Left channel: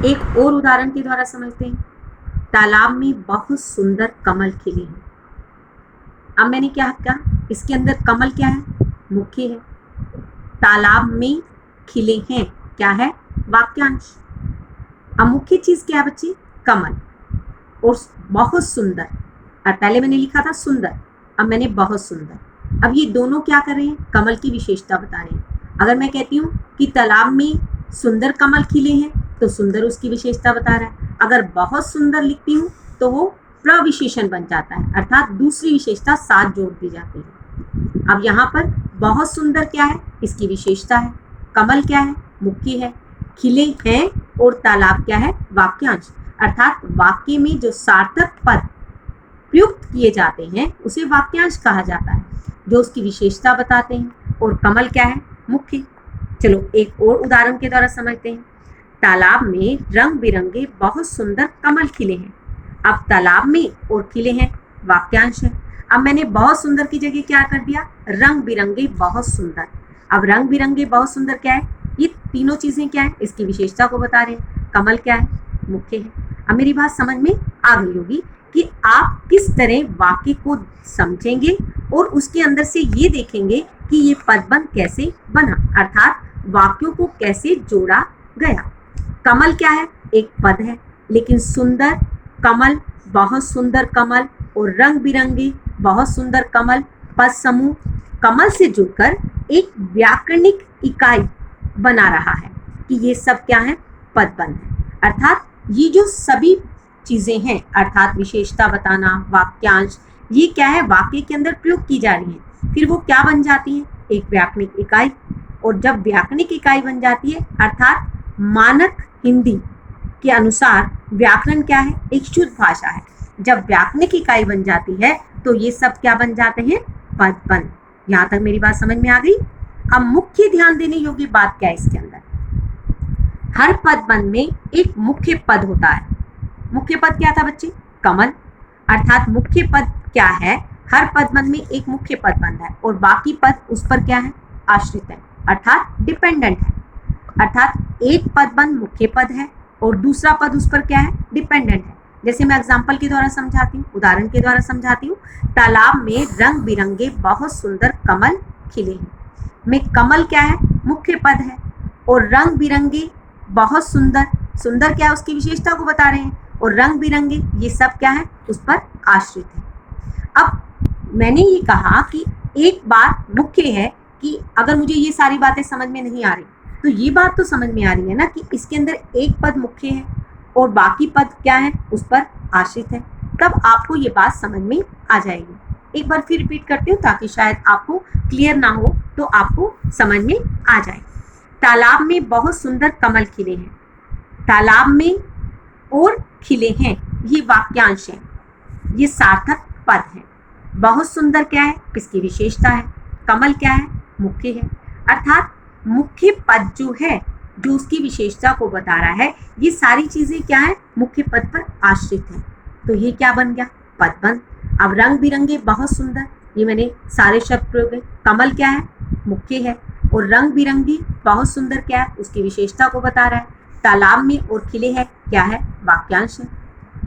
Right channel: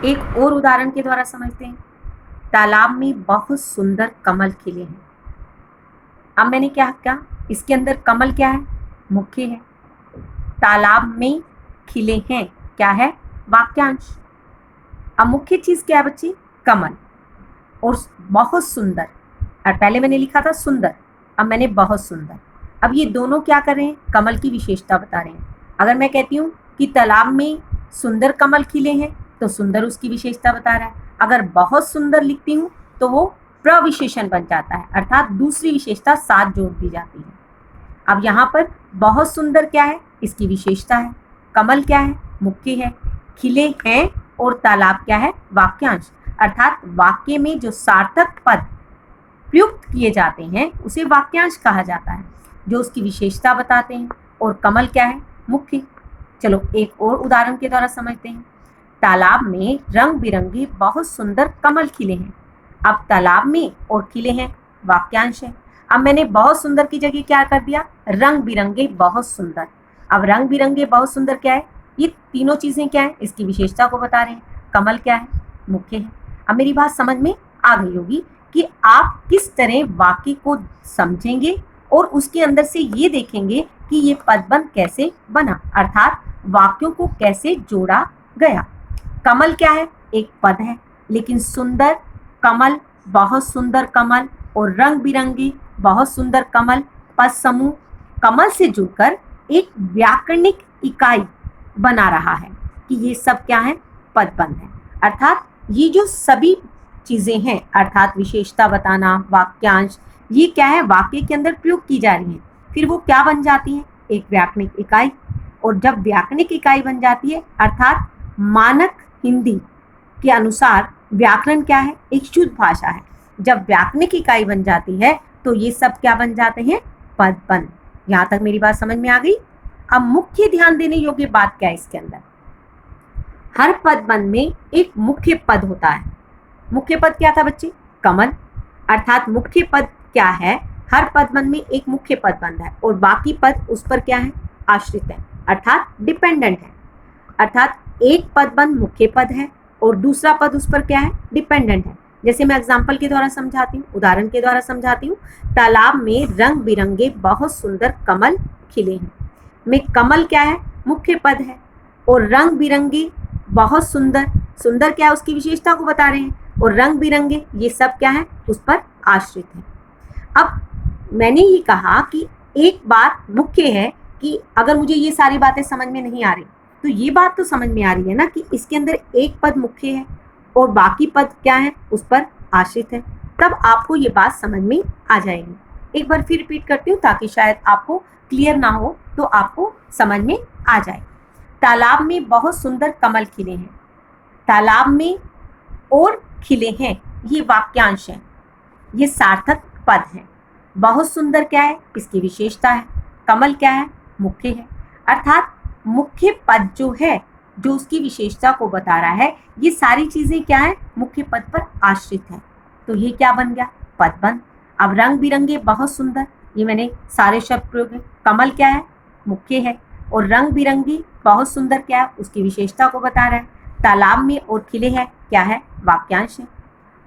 एक और उदाहरण के द्वारा समझते हैं। तालाब में बहुत सुंदर कमल खिले हैं। अब मैंने क्या कहा, इसके अंदर कमल क्या है, मुख्य है। तालाब में खिले हैं क्या है, वाक्यांश। अब मुख्य चीज क्या है बच्चे, कमल। और बहुत सुंदर, और पहले मैंने लिखा था सुंदर, अब मैंने बहुत सुंदर। अब ये दोनों क्या कर रहे हैं, कमल की विशेषता बता रहे हैं। अगर मैं कहती हूँ कि तालाब में सुंदर कमल खिले हैं तो सुंदर उसकी विशेषता बता रहा है। अगर बहुत सुंदर लिखती हूँ तो वो प्रविशेषण बन जाता है, अर्थात दूसरी विशेषता साथ जोड़ दी जाती है। अब यहाँ पर बहुत सुंदर क्या है, इसकी विशेषता है। कमल क्या है, मुख्य है। खिले हैं और तालाब क्या है, वाक्यांश। अर्थात वाक्य में जो सार्थक पद प्रयुक्त किए जाते हैं उसे वाक्यांश कहा जाता है, जो उसकी विशेषता बताते हैं। और कमल क्या है, मुख्य। चलो एक और उदाहरण के द्वारा समझते हैं। तालाब में रंग बिरंगे बहुत सुंदर कमल खिले हैं। अब तालाब में और खिले हैं वाक्यांश है। अब मैंने बहुत सुंदर की जगह क्या कर दिया, रंग बिरंगे बहुत सुंदर। अब रंग बिरंगे बहुत सुंदर क्या है, ये तीनों चीजें क्या है, इसकी विशेषता को बता रहे हैं। कमल क्या है, मुख्य है। अब मेरी बात समझ में आ गई होगी कि आप किस तरह वाक्य को समझेंगे और उसके अंदर से ये देखेंगे कि ये पदबंध कैसे बना, अर्थात वाक्यों को कैसे जोड़ा गया। कमल क्या है, एक पद है, लेकिन सुंदर कमल, बहुत सुंदर कमल और रंग बिरंगे बहुत सुंदर कमल पद समूह कमल से जुड़कर एक व्याकरणिक इकाई बना रहा है कि ये सब क्या है, पदबंध है। अर्थात ये जो सभी चीजें हैं, अर्थात विशेषता बताना, वाक्यांश, ये क्या है, वाक्य के अंदर प्रयोग की जा रही है। फिर वो क्या बन जाती है, एक व्याकरणिक इकाई। और जब व्याकरणिक इकाई बन जाती है, अर्थात मानक हिंदी के अनुसार व्याकरण क्या है, एक शुद्ध भाषा है। जब व्याकरणिक इकाई बन जाती है तो ये सब क्या बन जाते हैं, पदबंध। यहाँ तक मेरी बात समझ में आ गई। अब मुख्य ध्यान देने योग्य बात क्या है, इसके अंदर हर पदबंध में एक मुख्य पद होता है। मुख्य पद क्या था बच्चे, कमल। अर्थात मुख्य पद क्या है, हर पदबंध में एक मुख्य पदबंध है और बाकी पद उस पर क्या है, आश्रित है, अर्थात डिपेंडेंट है। अर्थात एक पदबंध मुख्य पद है और दूसरा पद उस पर क्या है, डिपेंडेंट है। जैसे मैं एग्जाम्पल के द्वारा समझाती हूँ, उदाहरण के द्वारा समझाती हूँ। तालाब में रंग बिरंगे बहुत सुंदर कमल खिले हैं। में कमल क्या है, मुख्य पद है, और रंग बिरंगे बहुत सुंदर, सुंदर क्या है, उसकी विशेषता को बता रहे हैं। और रंग बिरंगे ये सब क्या है, उस पर आश्रित है। अब मैंने ये कहा कि एक बात मुख्य है कि अगर मुझे ये सारी बातें समझ में नहीं आ रही तो ये बात तो समझ में आ रही है ना कि इसके अंदर एक पद मुख्य है और बाकी पद क्या है, उस पर आश्रित है। तब आपको ये बात समझ में आ जाएगी। एक बार फिर रिपीट करती हूँ ताकि शायद आपको क्लियर ना हो तो आपको समझ में आ जाए। तालाब में बहुत सुंदर कमल खिले हैं। तालाब में और खिले हैं, ये वाक्यांश है, ये सार्थक पद है। बहुत सुंदर क्या है, इसकी विशेषता है। कमल क्या है, मुख्य है। अर्थात मुख्य पद जो है, जो उसकी विशेषता को बता रहा है, ये सारी चीजें क्या है, मुख्य पद पर आश्रित है। तो ये क्या बन गया, पदबंध। अब रंग बिरंगे बहुत सुंदर, ये मैंने सारे शब्द प्रयोग है। कमल क्या है, मुख्य है, और रंग बिरंगी बहुत सुंदर क्या है, उसकी विशेषता को बता रहा है। तालाब में और खिले हैं क्या है, वाक्यांश है।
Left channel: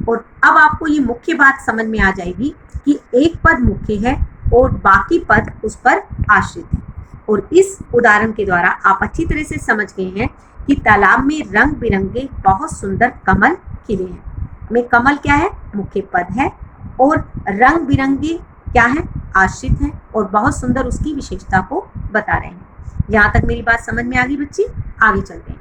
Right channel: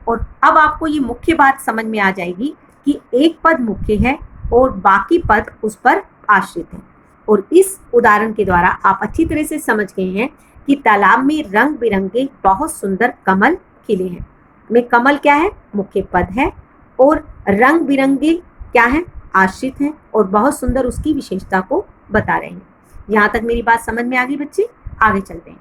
और अब आपको ये मुख्य बात समझ में आ जाएगी कि एक पद मुख्य है और बाकी पद उस पर आश्रित है। और इस उदाहरण के द्वारा आप अच्छी तरह से समझ गए हैं कि तालाब में रंग बिरंगे बहुत सुंदर कमल खिले हैं। में कमल क्या है, मुख्य पद है, और रंग बिरंगे क्या है, आश्रित हैं, और बहुत सुंदर उसकी विशेषता को बता रहे हैं। यहाँ तक मेरी बात समझ में आ गई बच्चे, आगे चलते हैं।